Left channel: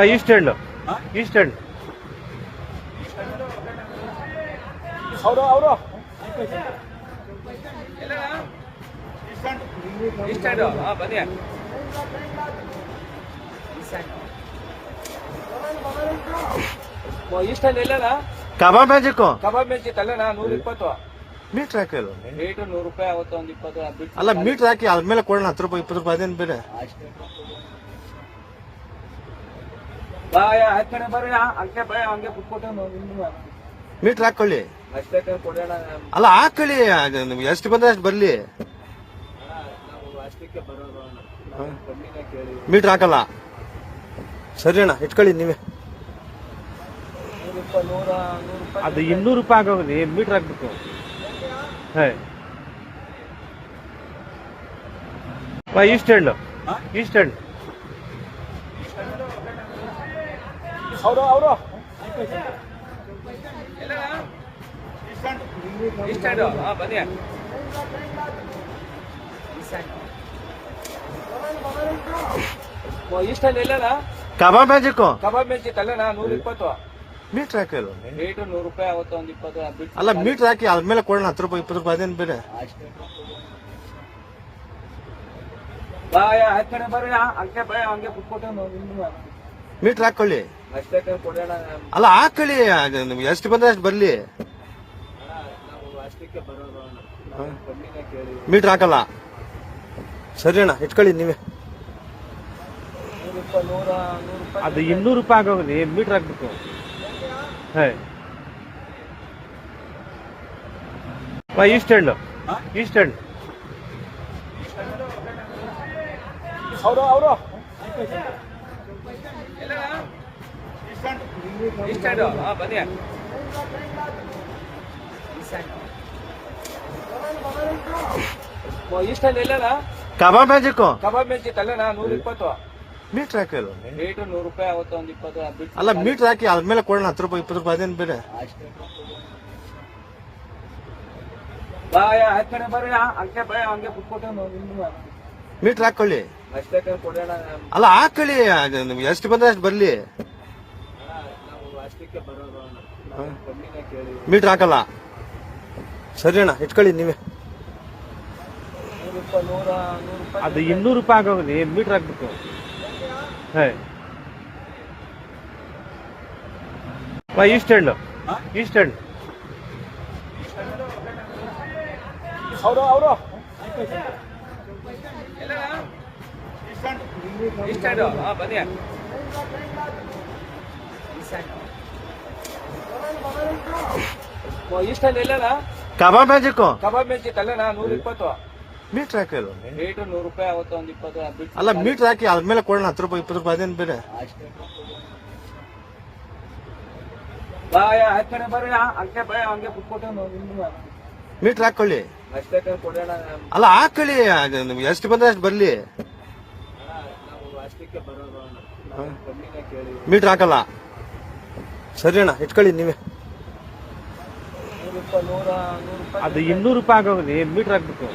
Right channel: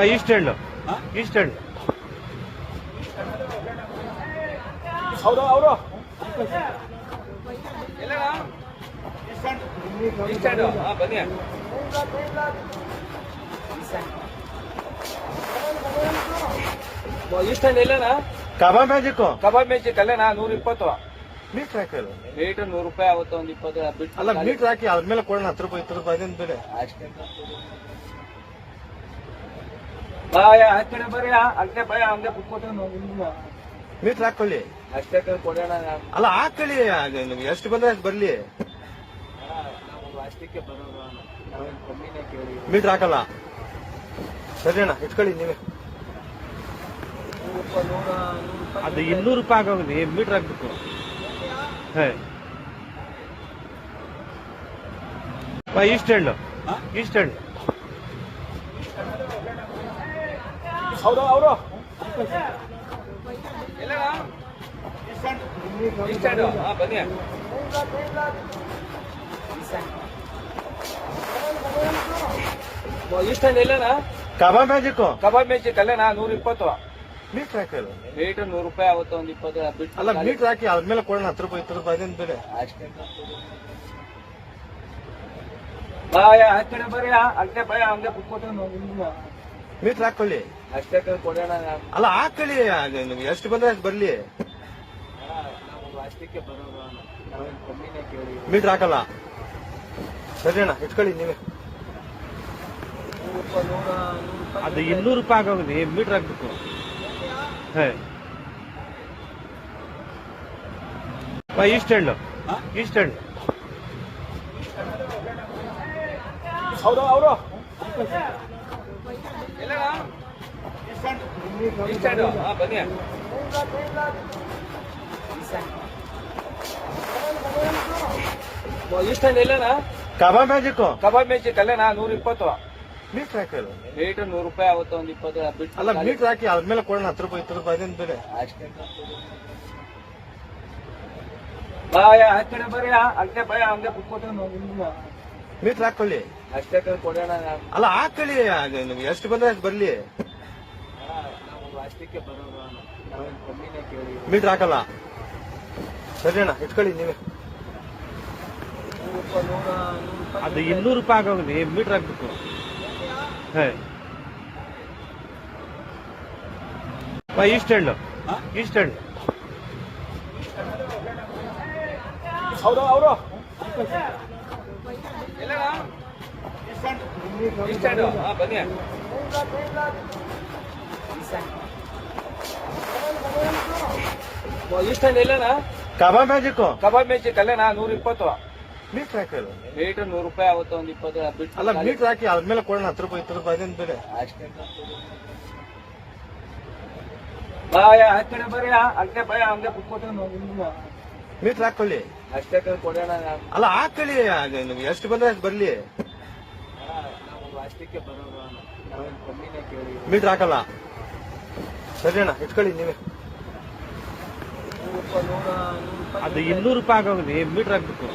East end East end ಅವರು ಅವರು ಬನ್ನಿ ಈಸ್ಟ್ ಎಂಡ್ ಇಲ್ಲ ಕಬಾಬ್ ಮ್ಯಾಜಿಕ್ ಕಬಾಬ್ ಮ್ಯಾಜಿಕ್ ಅಲ್ಲೇನಾ 120 ಮೀಟ್ರ್ ಹಾಕಿ ಮೀಟರ್ 100 ರೂಪಾಯಿ ಆಗುತ್ತೆ. ಒಂದು 20 ಅಲ್ಲ ಮೀಟ್ರ್ ಹಾಕಿ ಆದ್ಮೇಲೆ ಕೊಡೋಣ 10 ರೂಪಾಯಿ 20 ರೂಪಾಯಿ ಅದೇನು ಬೇರೆ ಕಡೆ ಬರ್ರಿ ಅಲ್ಲೇ ಭಯ ಹಂಗೆ ಕುತ್ಕೋತೇವೆ ಮೀಟ್ರ್ ಹಾಕೊಳ್ಳಿ ಅಷ್ಟೇ ಕೊಡೋಣ. ಅಲ್ಲ ಹಾಕೊಳ್ಳಿ ನಿಮ್ಗೆ ಎಷ್ಟು ಬಂದ್ರೆ ಅಷ್ಟು ಬರ್ಲಿ. ನಾವು ಅಷ್ಟಕ್ಕೆ ಬರೋದು ಕಮ್ಮಿನೇ ಕೇಳಿ. ಮೀಟ್ರ್ ಹಾಕಲ್ಲ ಸರಿ ಅಣ್ಣ ಇಟ್ಕೊಳ್ಳಿ ನೀವೇ. 100 ರೂಪಾಯಿ ಅದು 200 ರೂಪಾಯಿ ಆಗೋಗಿದೆ ಮೀಟ್ರ್ ಹಾಕ್ಬೇಕು. ಈಸ್ಟ್ ಎಂಡ್ ಈಸ್ಟ್ ಎಂಡ್ ಅವರು ಅವರು ಬನ್ನಿ ಈಸ್ಟ್ ಎಂಡ್ ಇಲ್ಲ ಕಬಾಬ್ ಮ್ಯಾಜಿಕ್ ಕಬಾಬ್ ಮ್ಯಾಜಿಕ್ ಅಲ್ಲೇನಾ 120 ಮೀಟ್ರ್ ಹಾಕಿ ಮೀಟರ್ 100 ರೂಪಾಯಿ ಆಗುತ್ತೆ. ಒಂದು 20 ಅಲ್ಲ ಮೀಟ್ರ್ ಹಾಕಿ ಆದ್ಮೇಲೆ ಕೊಡೋಣ 10 ರೂಪಾಯಿ 20 ರೂಪಾಯಿ ಅದೇನು ಬೇರೆ ಕಡೆ ಬರ್ರಿ ಅಲ್ಲೇ ಭಯ ಹಂಗೆ ಕುತ್ಕೋತೇವೆ ಮೀಟ್ರ್ ಹಾಕೊಳ್ಳಿ ಅಷ್ಟೇ ಕೊಡೋಣ. ಅಲ್ಲ ಹಾಕೊಳ್ಳಿ ನಿಮ್ಗೆ ಎಷ್ಟು ಬಂದ್ರೆ ಅಷ್ಟು ಬರ್ಲಿ. ನಾವು ಅಷ್ಟಕ್ಕೆ ಬರೋದು ಕಮ್ಮಿನೇ ಕೇಳಿ. ಮೀಟ್ರ್ ಹಾಕಲ್ಲ ಸರಿ ಅಣ್ಣ ಇಟ್ಕೊಳ್ಳಿ ನೀವೇ. 100 ರೂಪಾಯಿ ಅದು 200 ರೂಪಾಯಿ ಆಗೋಗಿದೆ ಮೀಟ್ರ್ ಹಾಕ್ಬೇಕು. ಈಸ್ಟ್ ಎಂಡ್ ಈಸ್ಟ್ ಎಂಡ್ ಅವರು ಅವರು ಬನ್ನಿ ಈಸ್ಟ್ ಎಂಡ್ ಇಲ್ಲ ಕಬಾಬ್ ಮ್ಯಾಜಿಕ್ ಕಬಾಬ್ ಮ್ಯಾಜಿಕ್ ಅಲ್ಲೇನಾ 120 ಮೀಟ್ರ್ ಹಾಕಿ ಮೀಟರ್ 100 ರೂಪಾಯಿ ಆಗುತ್ತೆ. ಒಂದು 20 ಅಲ್ಲ ಮೀಟ್ರ್ ಹಾಕಿ ಆದ್ಮೇಲೆ ಕೊಡೋಣ 10 ರೂಪಾಯಿ 20 ರೂಪಾಯಿ ಅದೇನು ಬೇರೆ ಕಡೆ ಬರ್ರಿ ಅಲ್ಲೇ ಭಯ ಹಂಗೆ ಕುತ್ಕೋತೇವೆ ಮೀಟ್ರ್ ಹಾಕೊಳ್ಳಿ ಅಷ್ಟೇ ಕೊಡೋಣ. ಅಲ್ಲ ಹಾಕೊಳ್ಳಿ ನಿಮ್ಗೆ ಎಷ್ಟು ಬಂದ್ರೆ ಅಷ್ಟು ಬರ್ಲಿ. ನಾವು ಅಷ್ಟಕ್ಕೆ ಬರೋದು ಕಮ್ಮಿನೇ ಕೇಳಿ. ಮೀಟ್ರ್ ಹಾಕಲ್ಲ ಸರಿ ಅಣ್ಣ ಇಟ್ಕೊಳ್ಳಿ ನೀವೇ. 100 ರೂಪಾಯಿ ಅದು 200 ರೂಪಾಯಿ ಆಗೋಗಿದೆ ಮೀಟ್ರ್ ಹಾಕ್ಬೇಕು. ಈಸ್ಟ್ ಎಂಡ್ ಈಸ್ಟ್ ಎಂಡ್ ಅವರು ಅವರು ಬನ್ನಿ ಈಸ್ಟ್ ಎಂಡ್ ಇಲ್ಲ ಕಬಾಬ್ ಮ್ಯಾಜಿಕ್ ಕಬಾಬ್ ಮ್ಯಾಜಿಕ್ ಅಲ್ಲೇನಾ 120 ಮೀಟ್ರ್ ಹಾಕಿ ಮೀಟರ್ 100 ರೂಪಾಯಿ ಆಗುತ್ತೆ. ಒಂದು 20 ಅಲ್ಲ ಮೀಟ್ರ್ ಹಾಕಿ ಆದ್ಮೇಲೆ ಕೊಡೋಣ 10 ರೂಪಾಯಿ 20 ರೂಪಾಯಿ ಅದೇನು ಬೇರೆ ಕಡೆ ಬರ್ರಿ ಅಲ್ಲೇ ಭಯ ಹಂಗೆ ಕುತ್ಕೋತೇವೆ ಮೀಟ್ರ್ ಹಾಕೊಳ್ಳಿ ಅಷ್ಟೇ ಕೊಡೋಣ. ಅಲ್ಲ ಹಾಕೊಳ್ಳಿ ನಿಮ್ಗೆ ಎಷ್ಟು ಬಂದ್ರೆ ಅಷ್ಟು ಬರ್ಲಿ. ನಾವು ಅಷ್ಟಕ್ಕೆ ಬರೋದು ಕಮ್ಮಿನೇ ಕೇಳಿ. ಮೀಟ್ರ್ ಹಾಕಲ್ಲ ಸರಿ ಅಣ್ಣ ಇಟ್ಕೊಳ್ಳಿ ನೀವೇ. 100 ರೂಪಾಯಿ ಅದು 200 ರೂಪಾಯಿ ಆಗೋಗಿದೆ ಮೀಟ್ರ್ ಹಾಕ್ಬೇಕು.